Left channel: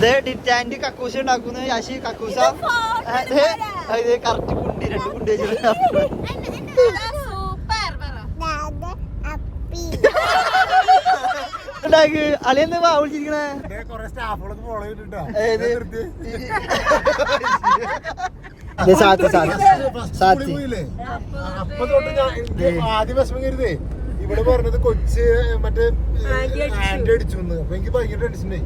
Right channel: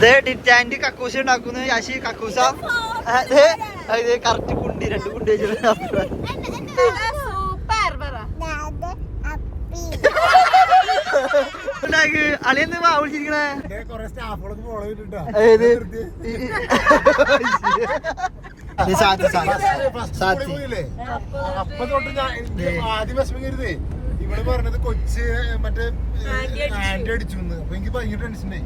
ഡിറ്റാൻഡ് കക്കൂസ ഉണ്ടാക്കുന്നു യാശി കക്കൂസ കറക്റ്റ് കുണ്ടി 2 കുണ്ടി വെച്ചിട്ട് അളിയെന്ന് വിളിച്ചിരിക്കണേ അപ്പൊ തൊട്ട് ആദ്യം വിഷമം കരുതേ ഇവിടെ പറഞ്ഞത് കൊച്ച് മറ്റേ ആന്റി അടിച്ചു അപ്പൊ എനിക്ക് ഭയങ്കര ടെൻഷനായി.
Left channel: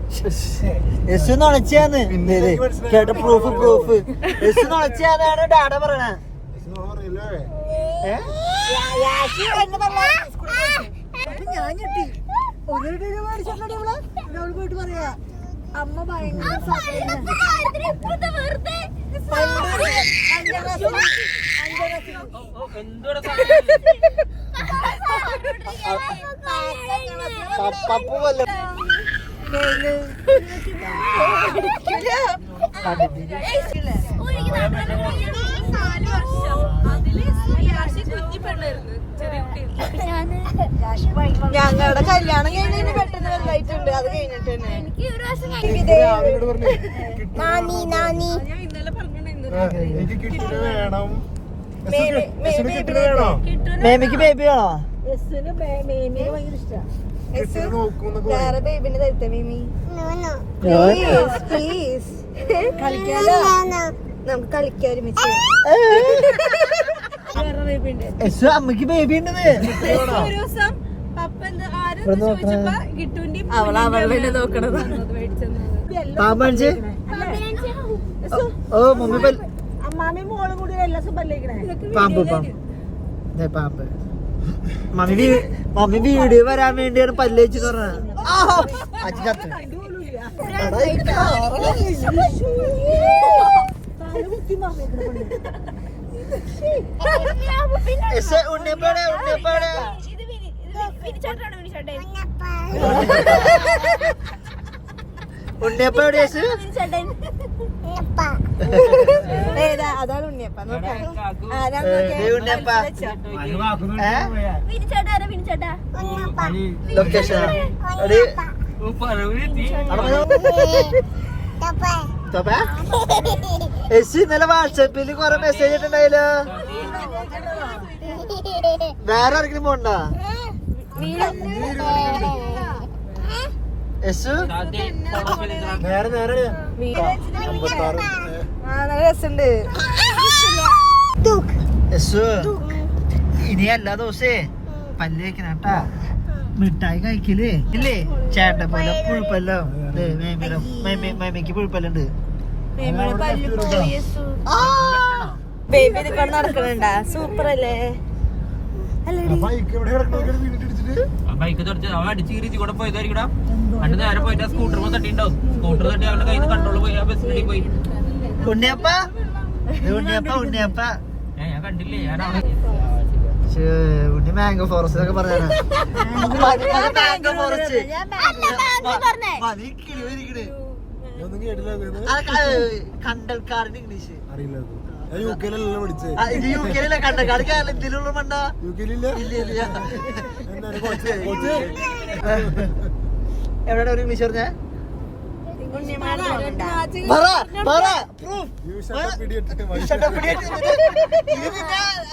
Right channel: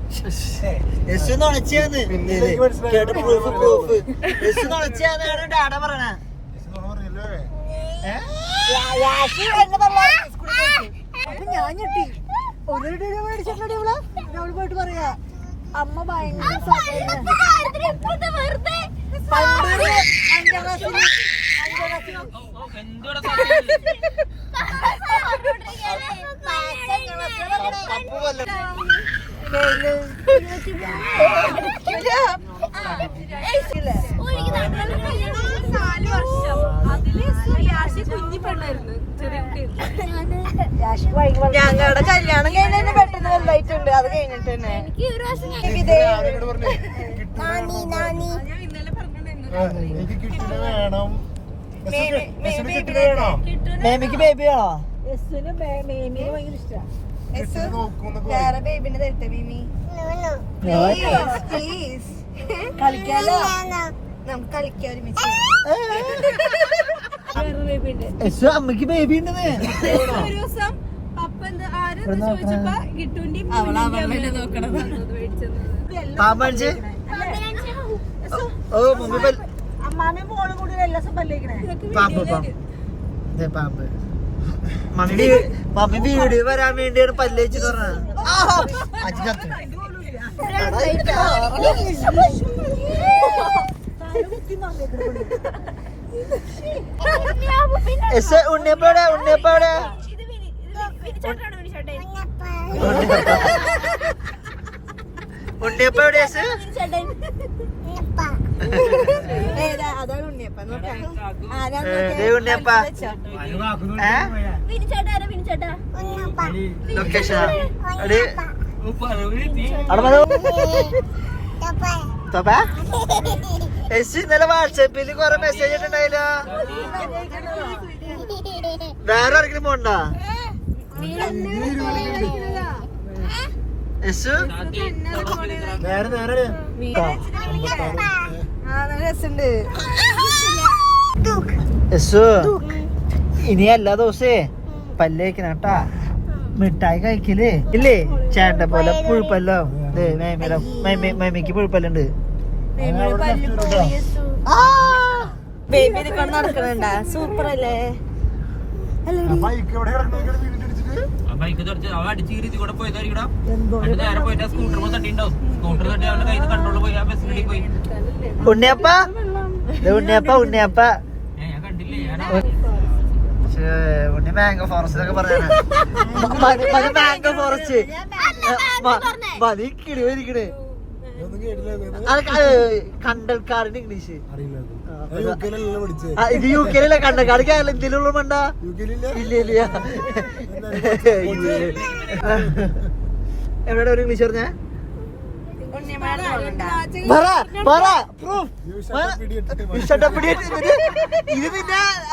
പോയിട്ട് പറയാ അമ്മ ഭയങ്കര ഞങ്ങളുടെ കല്യാണം കഴിഞ്ഞ പെട്ടെന്ന് വലുതായിട്ടുണ്ട്. അത് കഴിഞ്ഞിട്ട് തന്നെ മേമിക്ക് ബേബി വേണോ? വേറെ ബേബിനെ തരുത്ത മീമി പ്ലീസ്. കളിക്കാലോ, നമുക്ക് കളിക്കാൻ ഒരുമിച്ച്. അമ്മക്ക് ബേബി ഉണ്ടത് അവളെ നോക്കണത്. അമ്മാമയും മോളും കൂടി എല്ലാ ദിവസം പല്ലേക്കണേ. പാമ്പ് മമ്മി വീഡിയോ വരാൻ വേണ്ടിയാണ് പല്ലേച്ച് പറഞ്ഞത്. ഉണ്ണിയപ്പോടെ ഉണ്ണിയപ്പോടെ ഉണ്ണിയപ്പോടെ അതാണ് ഉണ്ണിയപ്പ. ഉണ്ണിയപ്പ ലൊക്കേഷൻ ഇന്നലെ വാട്സാപ്പിൽ കൊറേ മെസ്സേജ് ഇട്ടുണ്ടായില്ലോ. വേറെ ആർക്കും പോണ്ടോ? ഇനി എല്ലാ ദിവസേ പല്ലേക്കണ കേട്ടാ. മിഠായി കഴിക്കല് ഇല്ലേ? ചേട്ടൻ പോലെ പുഴുപ്പല്ലോ. മമ്മിക്ക് പുഴുപ്പല്ലുണ്ട്. ബേബി ഇതൊക്കെ നടക്കണണ്ടാ. സൂപ്പർ അല്ലേ? ബൈക്ക് അടിച്ച് കൂടെ പോയതായിരിക്കടാ. അണ്ട് നേരെ പോയിട്ട് സ്കൂട്ടർ തട്ടിണ്ടാവും. സ്കൂട്ടർ തട്ടി അവന്റെ കയ്യിൽ നിന്ന് കൺട്രോൾ പോയി ആ ബസ്സിലേക്ക് പോയി. ഉണ്ണിയപ്പ ഉണ്ണിയപ്പ ഉണ്ണിയപ്പ ഞാൻ കണ്ടില്ലേ. ഞാൻ ഉണ്ണി മാംഗോ ഫോറസ്റ്റ് പറഞ്ഞാണ്. മാംഗോ ഫോറസ്റ്റ് മതി കിളിവരിക്കണ്. കണ്ടൽക്കാടിന് ഇംഗ്ലീഷ് ഇത് യു കെയിലല്ല. കണ്ടൽക്കാട് കേരളത്തിലുള്ള മണ്ട. ഇല്ല എവിടെ ഒരു ഇംഗ്ലീഷ് പറഞ്ഞ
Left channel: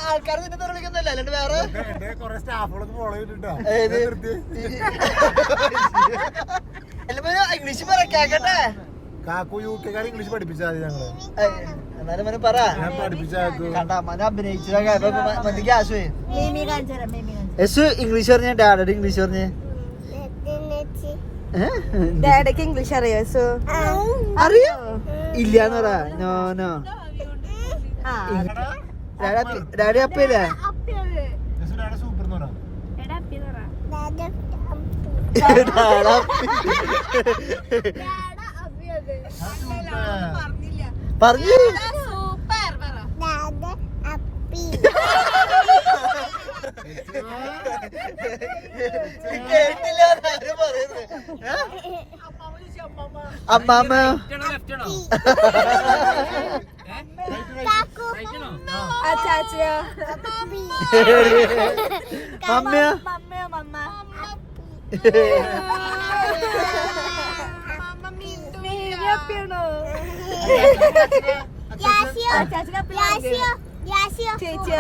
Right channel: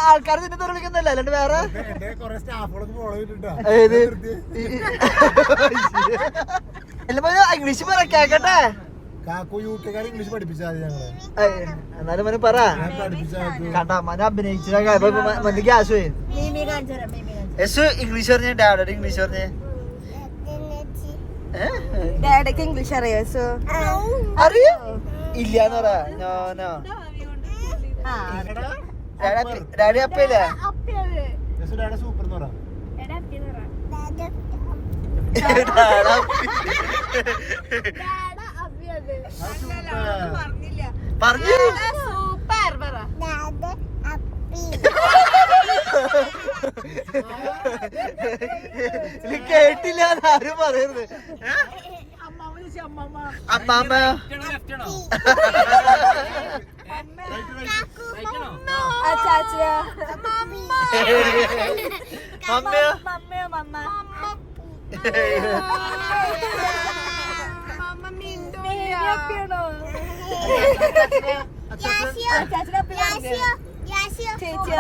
ആൾക്കാർ നിന്നെ തുറപ്പിക്കുന്നല്ല. അല്ലാണ്ട് വേറെ ഇംഗ്ലീഷ് പറക്കട്ടെ. കാക്കു യു കെക്കാർ ഇംഗ്ലീഷ് പഠിപ്പിച്ചാൽ ഞങ്ങള്. എന്നാലും മനെ പറ കണ്ടാ മന അഭിനയിച്ച ഗ്യാസ് ഇംഗ്ലീഷ് പറഞ്ഞ ഡാഡി ഇംഗ്ലീഷ് പറഞ്ഞ ഡാഡിക്ക് ഇംഗ്ലീഷ് അറിയോ? അറിയോ? ഇല്ലാന്ന് പറ. നോ ഡാഡി അപ്പല്ലേ? പറഞ്ഞു കേട്ടില്ല ആരും പറയുന്നത്. അമ്മാമ്മ ചാച്ചിയോ മമ്മിയോ വീഡിയോ അപ്പിയാണോ ചേച്ചിയോ ചേച്ചി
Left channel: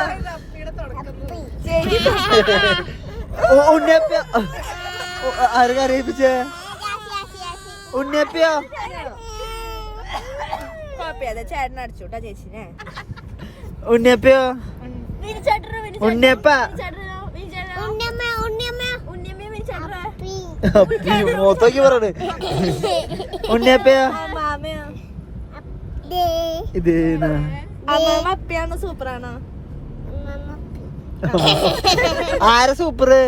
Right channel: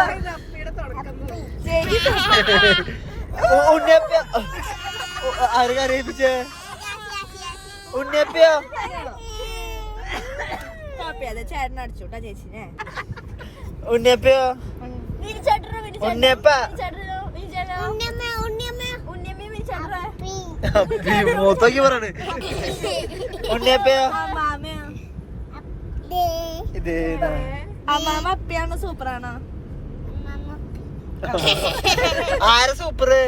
കുഴപ്പമില്ല ചേട്ടൻ അടിച്ചോട്ടാ ചേച്ചിനെ ഉണ്ണിയപ്പയോ മൊത്തക്ക് പറയണേ ഉണ്ണിയപ്പയോ ഇത് അമ്മാമ അപ്പിയാണോ സൂപ്പറാണോ ആരാ സൂപ്പറ്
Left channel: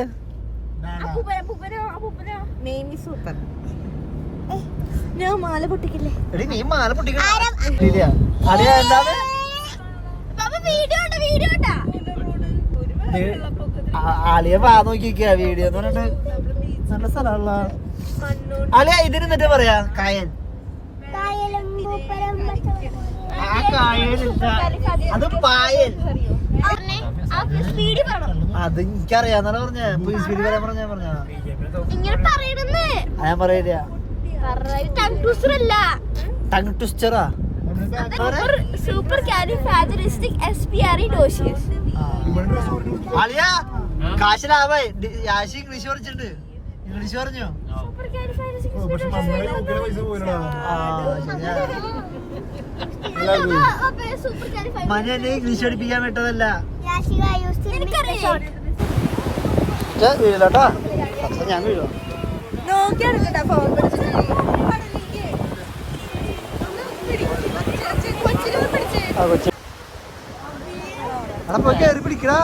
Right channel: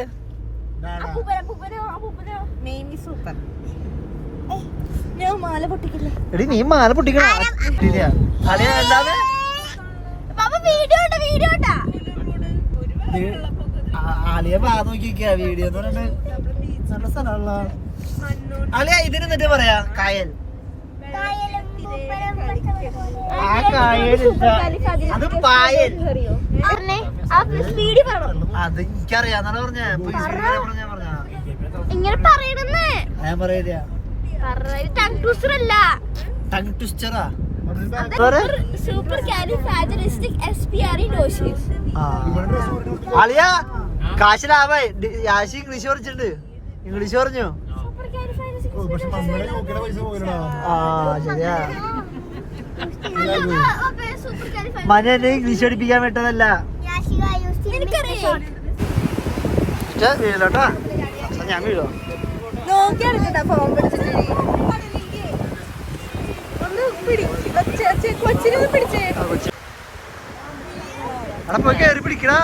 മെയിൻലി സൂപ്പർ ഞാൻ മാല പൊട്ടിക്കില്ലേ എടി നീ മാല പൊട്ടിക്കണ ആളിയെ വാ നോക്കിക്ക വീഡിയോ എന്ന് പറഞ്ഞിട്ട് നല്ല സ്ഥലമുള്ള അളിയ ഇതിന് എന്നിട്ട് പറയാ കായൽ ആ കായൽ അത് പായൽ അത് എനിക്കറിയാന്നാ പറഞ്ഞ ഇങ്ങനെ പറയണെന്ന് ഞാൻ പറയില്ല ടങ് ട്വിസ്റ്ററാ സൂപ്പർ കാലിഫ്രാജിലിസ്റ്റിക് എക്സ്പിയറിഡോസിസ് അളിയ കാശിലാവേ യാശി ഇംഗ്ലീഷ് പഠിച്ചിട്ടുണ്ട് ഇംഗ്ലീഷ് പറഞ്ഞോ പക്ഷെ നമ്മളെ നോക്കിയ പൈസ പോയില്ലടാ മന എന്നെ ഇംഗ്ലീഷ് പഠിപ്പിക്കാൻ വിട്ടതല്ല വീഴലോട്ടാ ഞാൻ വീഴോ അവിടെ പോയി കയറി പിടിക്കടാ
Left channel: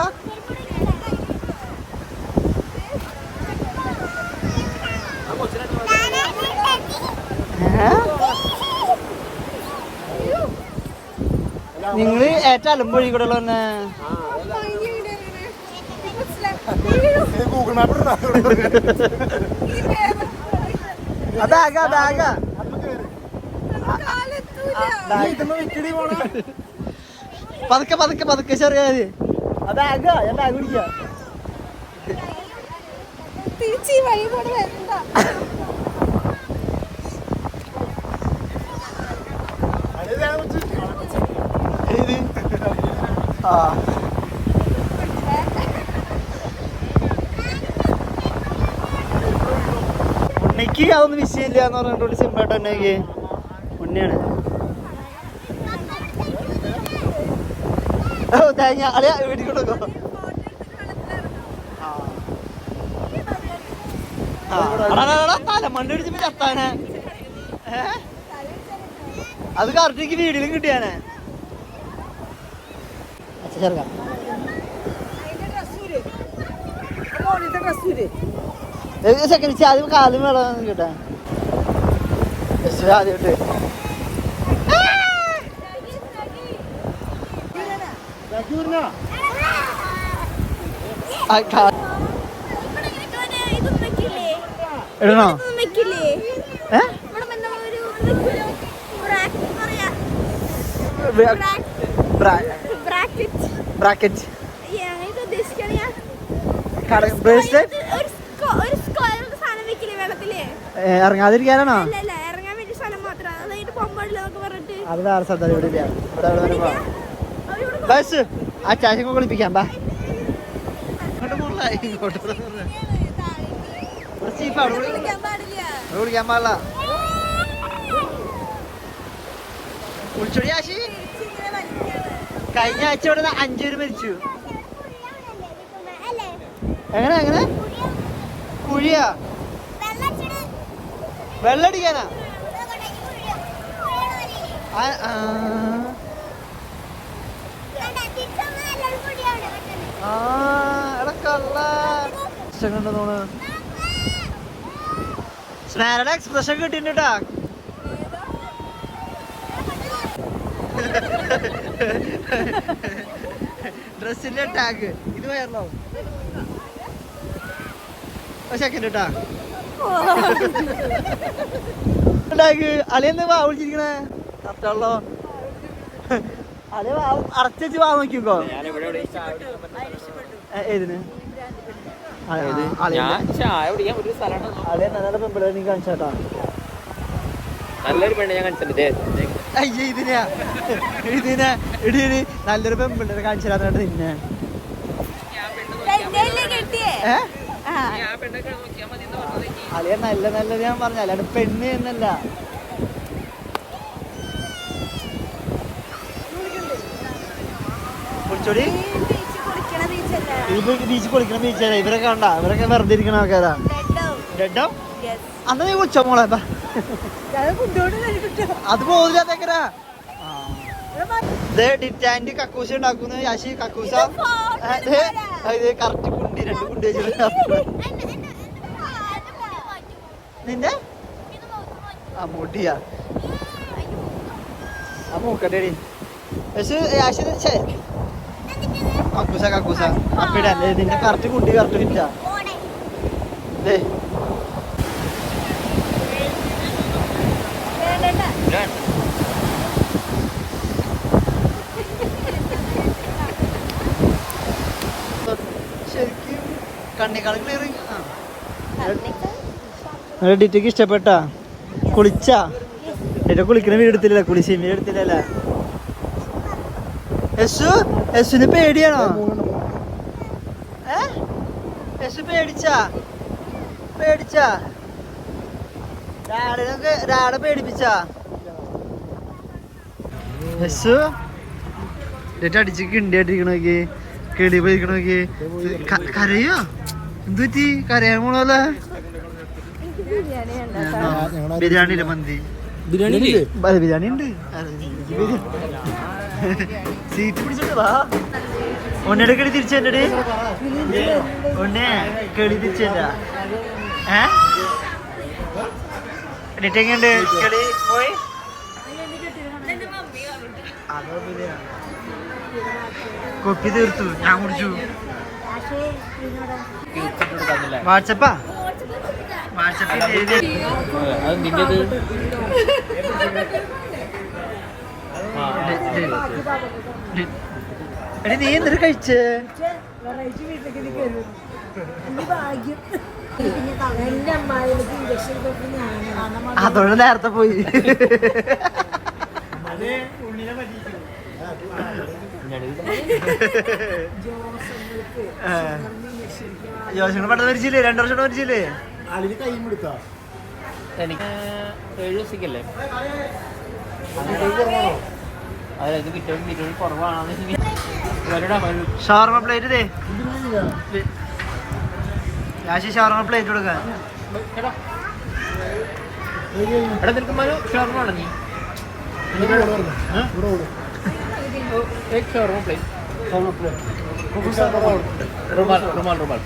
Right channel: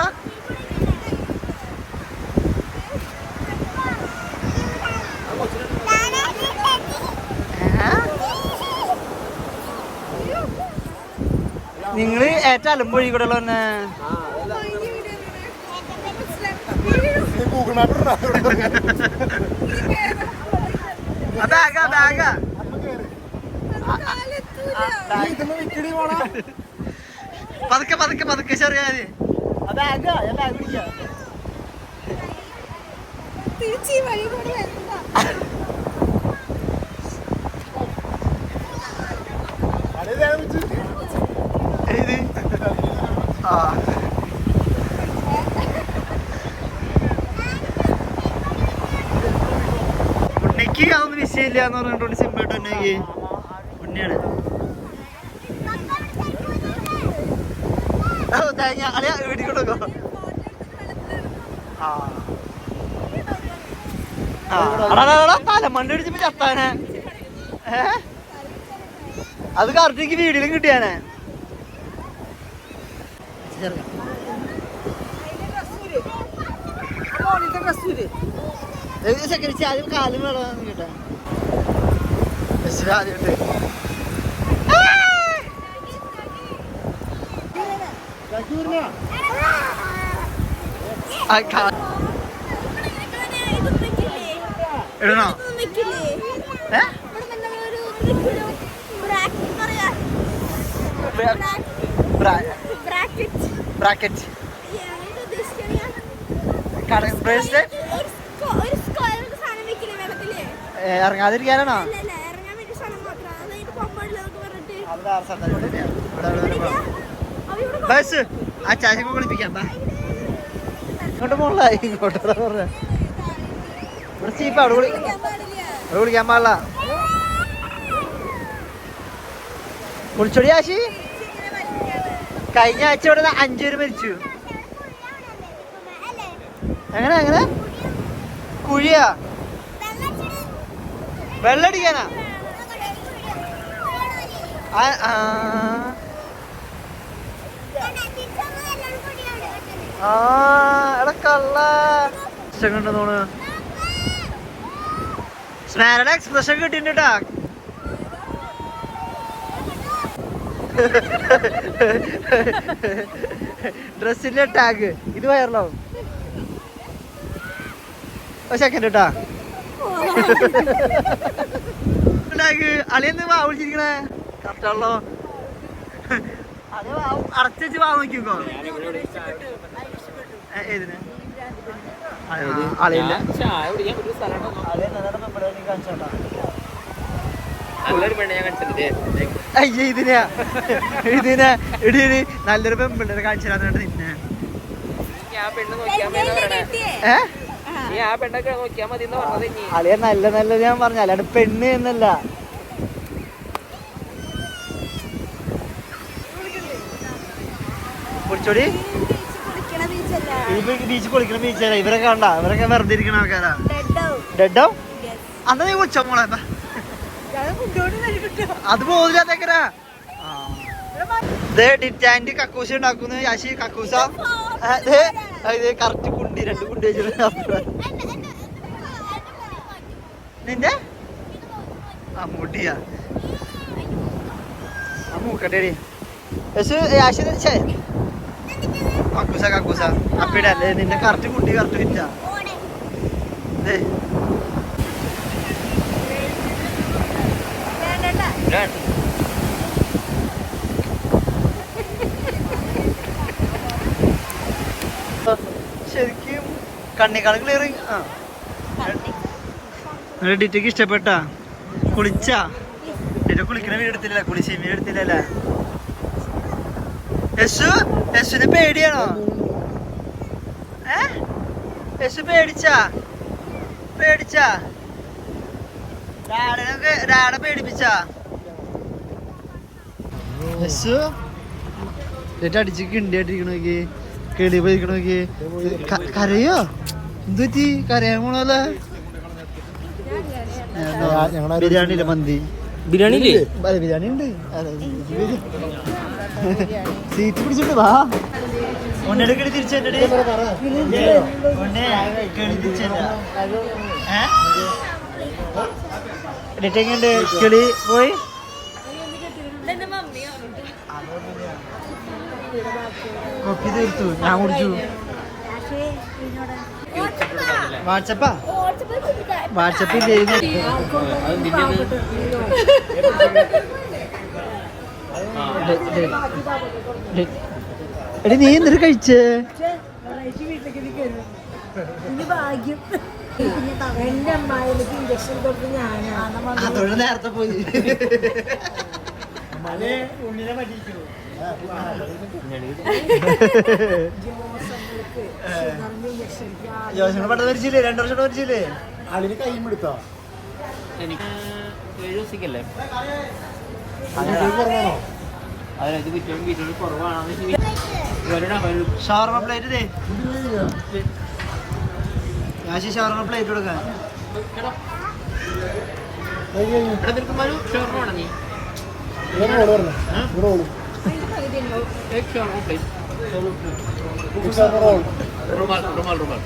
നിങ്ങള് ഏറ്റവും അലമ്പൊഴി കൂടെ തന്നെ ഗൂഗിൾ മാപ്പ് അതാക അതാക ഇതൊന്ന് വിക്കടി പോണോ പതുക്കെ പതുക്കെ പതുക്കെ ചെറിയ അതാക തിരിച്ച് വഴി കൂടെ വരണ്ട ഉണ്ണിക്ക് അതൊന്നും വിഷയമില്ല എന്ന് പറഞ്ഞിട്ട് സിമ്പിളായിട്ട് ഉണ്ടെങ്കിൽ ഉണ്ണിയാണ് വീട്ടിൽ തലമണ്ണ അടിച്ചപ്പോ ചത്താനെ അത് കറക്റ്റ് വീടിലും കിട്ടിയാനെ സെക്കൻഡ് ആദ്യം കാലും വേണം കിട്ടാൻ ആദ്യമായിട്ട് എഴുതണോ ബ്രാക്കറ്റ് ഇറങ്ങാതിരിക്കാനാണോ ഇറങ്ങാൻ വേണ്ടി സ്ഥലം മാത്രം അതായത് പൊമ്പാടിലൊക്കെ പറഞ്ഞിട്ട് അത് വേറെ സ്ഥലത്ത് ബസ് ആ ചാച്ചങ്ങ കുളിപ്പിക്കാം ബാ ഇങ്ങോട്ട് പോകല ഇങ്ങോട്ട് പറഞ്ഞ ചീപ്പ അവിടെ കുളിക്കാൻ പാടില്ല കുളിച്ചോടി ആശി കഴിഞ്ഞ ആഴ്ച ഇവിടെ 5 പേര് മരിച്ചു എങ്ങനെ എങ്ങനെ കുഴിയാ വെള്ളടിക്കാനാ എടാ കള്ള കണ്ടു തോണ് സ്നാരയുടെ എക്സ്പ്രഷൻ കിട്ടിണ്ടാ ഡ്രസ്സിന്റെ ടാഗ് ഇത് വയറലാവും സെക്കൻഡ് കേട്ടാ ടാഗ് അളിയെന്ന് വാ വിളിച്ചിരിക്കണേ കറക്റ്റാണല്ലോ അടച്ചു വാ നോക്കിക്കോ ഏതിന് ചായ കുടിക്കാൻ ഒരു സ്ഥലം കാണിച്ചാട്ടാ നല്ലൊരു പെണ്ണ് ഞാൻ കാണിച്ചില്ലേ അയ്യ ഇതിനാ ഇടി നല്ലൊരു പെമ്പിള്ളേരെ കാണിച്ചു തരാന്നിട്ട് നിന്നെ ആ പെണ്ണൊക്കെ നോക്കിയാ മതി എന്ന് പറഞ്ഞത്. അളിയ നല്ലത് ഞാൻ പറഞ്ഞ അല്ലാണ്ട് പെണ്ണ് എന്നല്ല. കുടിച്ചോടി ബീച്ച് കുളിക്കണ ബീച്ചല്ല. ഇവരൊക്കെ കണ്ട ഇവരൊക്കെ വെറുതെ ഇരിക്കണ ആൾക്കാരാ. ഡെഡോ അന്ന് നീ കുടിച്ചോ മോളെ അത് പോകില്ലാത്തേക്കരാ. ഡിറ്റാൻഡ് കക്കൂസ ഉണ്ടാക്കുന്നു യാശി കക്കൂസ. കറക്റ്റ് കുണ്ടി 2 കുണ്ടി വെച്ചിട്ട് നിന്റെ ആ മുടിയാ ആ മൂക്കട്ടേടി യാശി കക്കൂസ അപ്പിടല്ലേ നിന്റെ കറക്റ്റ് കുണ്ടി കറക്റ്റ് വിറ്റ. ശരിക്കും കണ്ണിക്കാണ് ക്ലിയറിങ്. ഡിറ്റയ്ക്ക് ഇഷ്ടപ്പെട്ടാ കുളിച്ചാ? എന്റെ കുളിക്കുന്ന വീട് എടുത്തില്ല, കുളിച്ചിന്റെ എടുത്തില്ലല്ലേ? യശുന് പേടിയാണോ? യശു പേടിച്ചാ രാടെ പേടിപ്പിച്ചാ? യശു എന്നിട്ട് അടിച്ച് കിണ്ടിയായിട്ടിരിക്കണോക്കി, കിളി പോയിക്കണോക്കി. കരയോ? എന്ത് പറ്റി? കരയാൻ പോണല്ലേ? ബിരിയാണി ഇല്ല, മന്തി ബിരിയാണി ബിരിയാണി ഉണ്ട്. സീറ്റ് പിടിച്ചിട്ട് വാ. ഒന്നയുടെ കിളി തിരിച്ചെന്റെ ഒന്നേ കിളി തിരിച്ചെന്റ എങ്ങണ്ട് കിളി പോയി. കൊപ്പി തീർത്തു, ഞാൻ കുടിച്ചു. വാട്സപ്പിൽ ചെയ്ത് എടി നീ എന്തൊരു കഴിച്ചേ? അതോടെ നേരത്തെ പോയി. ജോഷങ്ങൾ പെട്ടെന്ന് മരിച്ചില്ലേ? 2 വർഷം മരിച്ചില്ലേ? അതിന് കൈമെടുത്താ എനിക്ക് 7 ദിവസത്തേക്കല്ലേ ഷവർമ പ്ലേറ്റ് യാശി ഷവർമ പ്ലേറ്റ് കൊടുക്കാൻ. रुमाल रुमाल रुमाल